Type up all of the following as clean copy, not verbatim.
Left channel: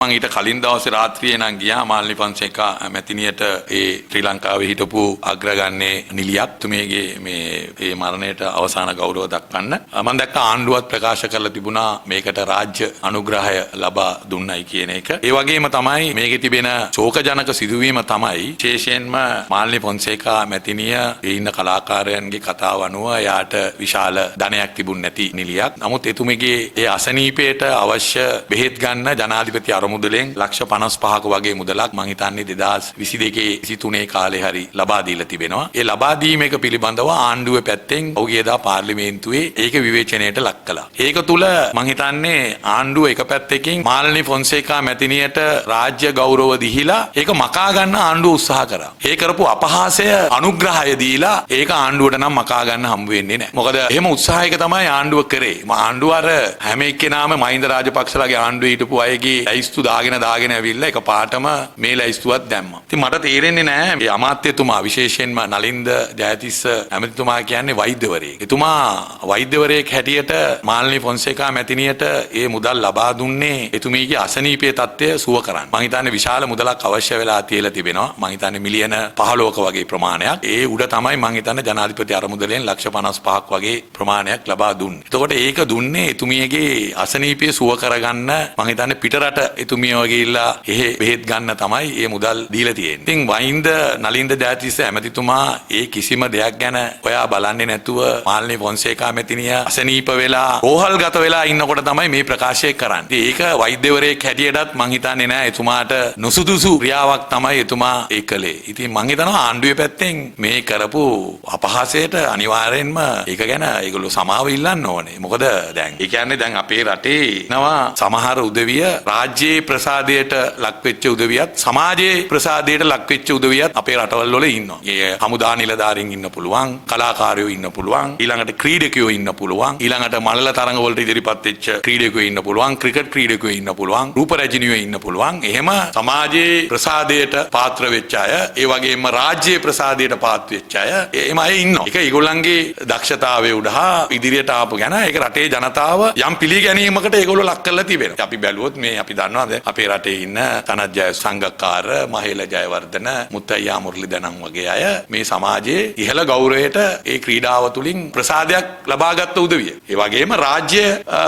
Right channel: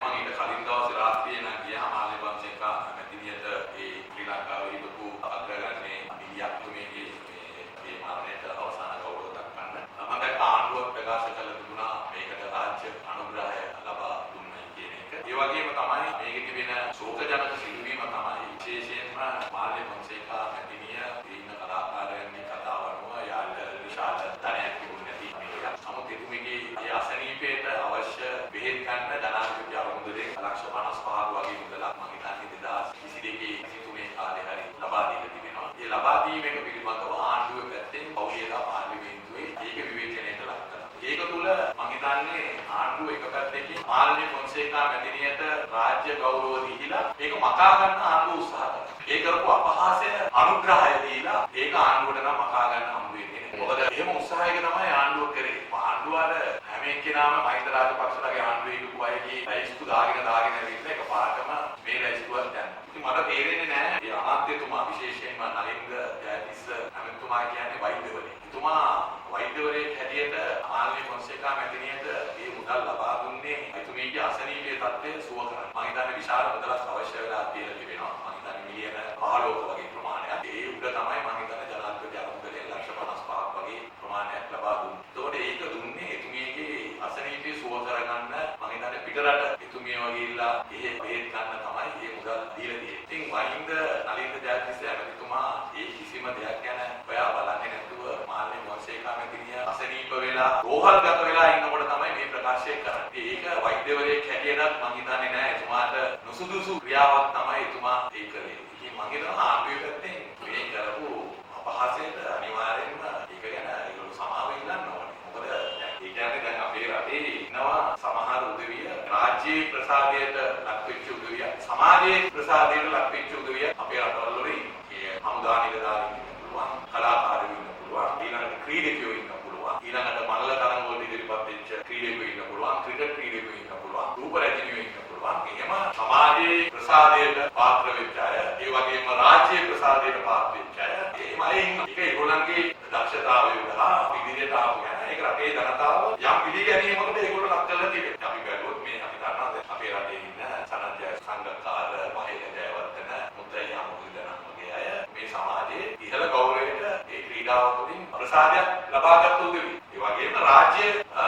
මම ඊට කලින් දවසේ රාත්‍රියේ නම් ගියා මාල්නි ෆොන්සේකා මැතිණියට ඒ ශ්‍රී ලංකාවේ හිටපු අග්‍රගන්නේ නිලියක් තුමේගේ මේ මරණයට අවසාන ගෞරව දක්වන්න මම දැක්ක ආණ්ඩුවත් ප්‍රකාශ කරලා තිබුණා මේකට රාජ්‍ය අනුග්‍රහය ලබා දුන්නයි කියන එක. ඒ වගේම තමයි මේකේ තිබෙන ශෝකජනක සිදුවීම තමයි විශේෂයෙන්ම මාල්නි ෆොන්සේකා මැතිණිය ඒ ඉන්න කලාකාරයන්ගේ කතාව අනුව එයාට විශාල ධනයක් තිබුණ නැති නිලියක්. නමුත් එතුමිගේ ඒ අසනීපයට අවශ්‍ය බෙහෙත් ගන්න ජනාධිපති මුදලෙන් ලක්ෂ 55ක වගේ මුදලක් මං හිතන්නේ 2022 23 කාලේ හරි ලබා දීලා තිබෙනවා. ඒ ලබා දීම එක පිළිබඳව ආණ්ඩුවේ පැත්තෙන් ඔහුගේදා පාර්ලිමේන්තුවේ ඒක විවේචනයට ලක් කළා. ඒක තුල මං හිතන්නේ ආණ්ඩුව එක පැත්තකින් මාල්නි ෆොන්සේකා මැතිණියට රාජ්‍ය ගෞරව දීලා ඒක මකා ගන්න ආණ්ඩුව උත්සාහ කරා. ඒ කරපු අපහාසය අනුග්‍රහය දීලා ඒක ආණ්ඩුවට නම් මකා ගන්න හම්බ වෙන්නේ නැහැ. මොකද එහෙම උත්සාහයක තමයි ආණ්ඩුව කරේ. ආණ්ඩුව අර හැම එක්කෙනාම මහින්ද රාජපක්ෂලාගේ ආණ්ඩුවේ හිටපු අයගේ ලයිස්තු දාගෙන ඇවිල්ලා එක පාටම මේ ලයිස්තුවක් දැම්මා. ඉතින් මට තේරෙන්නේ නැහැ මේ අමාත්‍යතුමා විශේෂයෙන්ම නලින්ද ජයතිස්ස ඇමතිතුමා කියන්නේ වෛද්‍යවරයෙක්. එතුමා වෛද්‍යවරයෙක් හැටියට මාල්නි ෆොන්සේකා මැතිණියට ඒ මුදල් ලබා දුන්නේ එතුමීගේ අසනීපයේ තත්ත්වය සුව කරන්න. මං හිතන්නේ විශාල මුදලක් අවශ්‍ය වෙලා තියලා තිබෙනවා. මං හිතන්නේ මිලියන 15ක වගේ ප්‍රමාණයක්. ඒ උඩ තමයි මං හිතන්නේ ජනාධිපති අරමුදලෙන් ලක්ෂ 55ක් වගේ ප්‍රමාණයක් ලබා දුන්නේ. එතකොට ඒක දුන්නේ එතුමියගේ අසනීපය සුව කරගන්න මං හිතන්නේ පිටරට එතුමියව ගිහිල්ලා එහෙ බෙහෙත් ගන්න තමයි මේ මුදල් දීලා තියෙන්නේ. ඉතින් වයින්ද නලින්ද ජයතිස්ස ඇමතිතුමා ඒ කිසිම දෙයක් ගැන ඔයා බලන්නේ නැතුව මාල්නි ෆොන්සේකා මැතිණිය අසනීප වෙලා රෝහල්ගත වෙලා ඉන්නකොට තමයි මේ ප්‍රකාශය කරන්නේ. ඒක වෛද්‍යවරයෙක් හැටියටත් මං හිතන්නේ නෑ එතුමාට නුසුදුසු ක්‍රියාවක් තමයි එතුමා ඒ කළේ. ඉතින් මං හිතනවා ආණ්ඩුවේ පැත්තෙන් මේ කරපු අපහාසයට අනිවාර්යෙන්ම ඒක ගැන ඒගොල්ලෝ සමාව ඉල්ලන්න ඕනේ. මොකද දැන් ඒ කියන්නේ දැන් අපේ රටේ නවා සමහර උදවිය රාජ්‍යයේ ප්‍රසාදයට ලක්වෙච්ච උදවියත් සමාජයේ ප්‍රසාදයට ලක්වෙච්ච උදවියත් අපේ රටවල් වල ඉන්නවා. ඒ හමුදා නිලධාරීන් ඉන්න පුළුවන්, කලාකාරයෝ ඉන්න පුළුවන්, ඊළඟට ක්‍රීඩකයෝ ඉන්න පුළුවන්, ඊළඟට මල්ල තරඟ වලට ඉදිරිපත් වෙච්ච ක්‍රීඩකයෝ ඉන්න පුළුවන්, ක්‍රිකට් ක්‍රීඩකයෝ ඉන්න පුළුවන්, රූප රැජිනියෝ ඉන්න පුළුවන්. එහෙම සමාජයේ ප්‍රසාදයට පාත්‍ර වෙච්ච අය, ඒ වගේම රාජ්‍යයේ ප්‍රසාදයට පාත්‍ර වෙච්ච අය, එහෙම අය ඉන්නවා. ඒක ඒගොල්ලන්ගේ දක්ෂතාවය උඩහා ඉදිරියට ආපු ගැන ඒක රටේ ජනතාව යම් පිළිගැනීමකට ඒගොල්ලෝ ලක් කරලා තිබෙනවා. අපි බැලුවොත් මේ අපි දන්නවාද අපේ රටේ ඉන්න තනත් ජය සංගක්කාර, මහේල ජයවර්ධන, මුත්තයියා මුරලිදනන් වගේ අය මේ සමාජයේ ඉහළ ගෞරවයට ඒ ක්‍රීඩාව තුලින් ප්‍රසාදයක් ලබාගත් උදවිය. ඒ වගේම රාජ්‍ය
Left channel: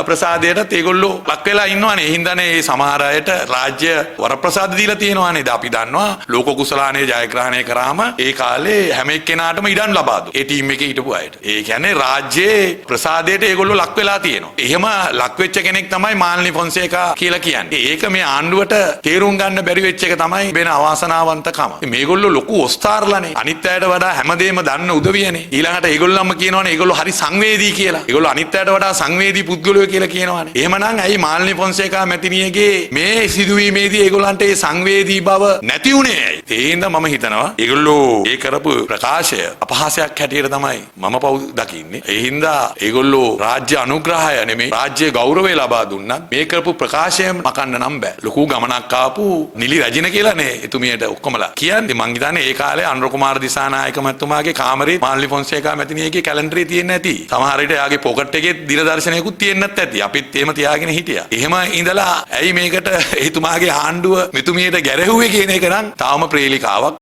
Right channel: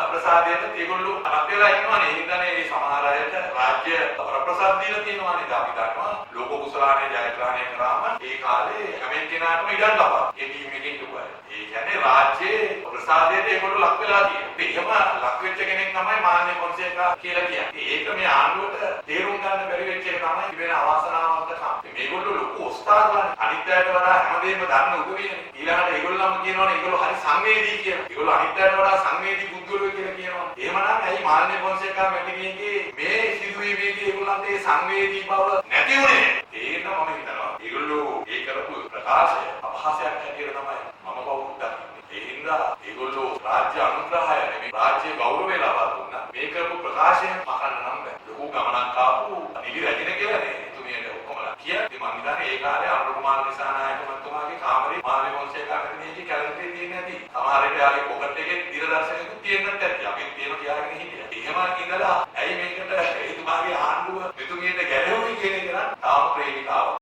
ප්‍රසාදයටත් ඒගොල්ලෝ ලක් වෙලා ඉන්නවානේ. ඒ හින්දානේ මේ සමහර අයට රාජ්‍ය වරප්‍රසාද දීලා තියෙනවානේ. අපි දන්නවා ලෝක කුසලානේ ජයග්‍රහණය කරාම ඒ කාලේ හැම එක්කෙනාටම ඉඩම් ලබා දුන්නා. ඒ ටීම් එකේ හිටපු අයට. ඒ කියන්නේ රාජ්‍යයේ ප්‍රසාදයට ඒගොල්ලෝ ලක් වෙලා තියෙනවා. එහෙම ලක් වෙච්ච කෙනෙක් තමයි මාල්නි ෆොන්සේකා කියලා කියන්නේ. ඒක මේ ආණ්ඩුවට තේරුම් ගන්න බැරි වෙච්ච එක තමයි වෙන අවාසනාවන්තකම. මේගොල්ලෝ ලොකු ඔස්තාර්ලානේ. අනිත් අයට වඩා හැමදේම දන්න උදවියනේ. ඊළඟට ඒගොල්ලන්ම කියනවනේ ඒගොල්ලෝ හරි සංවේදී කියලා. ඒගොල්ලෝ අනිත් අයට වඩා සංවේදී පුද්ගලයෝ කියලා කියනවනේ. එහෙමනම් ඇයි මාල්නි ෆොන්සේකා මැතිණියගේ මේ සිදුවීමේදී ඒගොල්ලන්ට ඒ සංවේදී බව නැති උනේ ඇයි? ඒ හින්දා මම හිතනවා ඒගොල්ලෝ ඒ කරපු ප්‍රකාශය අපහාසයක් හැටියට තමයි මම පව් දකින්නේ. ඒ හින්දා ඒගොල්ලෝ රාජ්‍ය අනුග්‍රහය නෙමෙයි රාජ්‍ය ගෞරවය ලබා දුන්නා. මේ කරපු ප්‍රකාශයෙන් මකන්න නම් බෑ. ලොකු ගමනක් ආපු නිලි රජින කියලානේ එතුමියට ඔක්කොමලා කියන්නේ. මං හිතන්නේ ඒ කාලේ අනුර කුමාර දිසානායක මහත්මයාගේ කාමරේ මාල්නි ෆොන්සේකා මැතිණියගේ කැලෙන්ඩරේ තියෙන්න ඇති. සමහර විට එයාගේ පොකට් එකේ දිනදර්ශනයකුත් තියෙන්නත් ඇති. අපිත් එහෙම තියාගෙන හිටියා. එහෙම ඉඳලා ඇයි මේකට එතුමාගේ ආණ්ඩුව මෙතුමියට ගැරහුවේ කියන එක නම් තාම ප්‍රේලිකාවක්.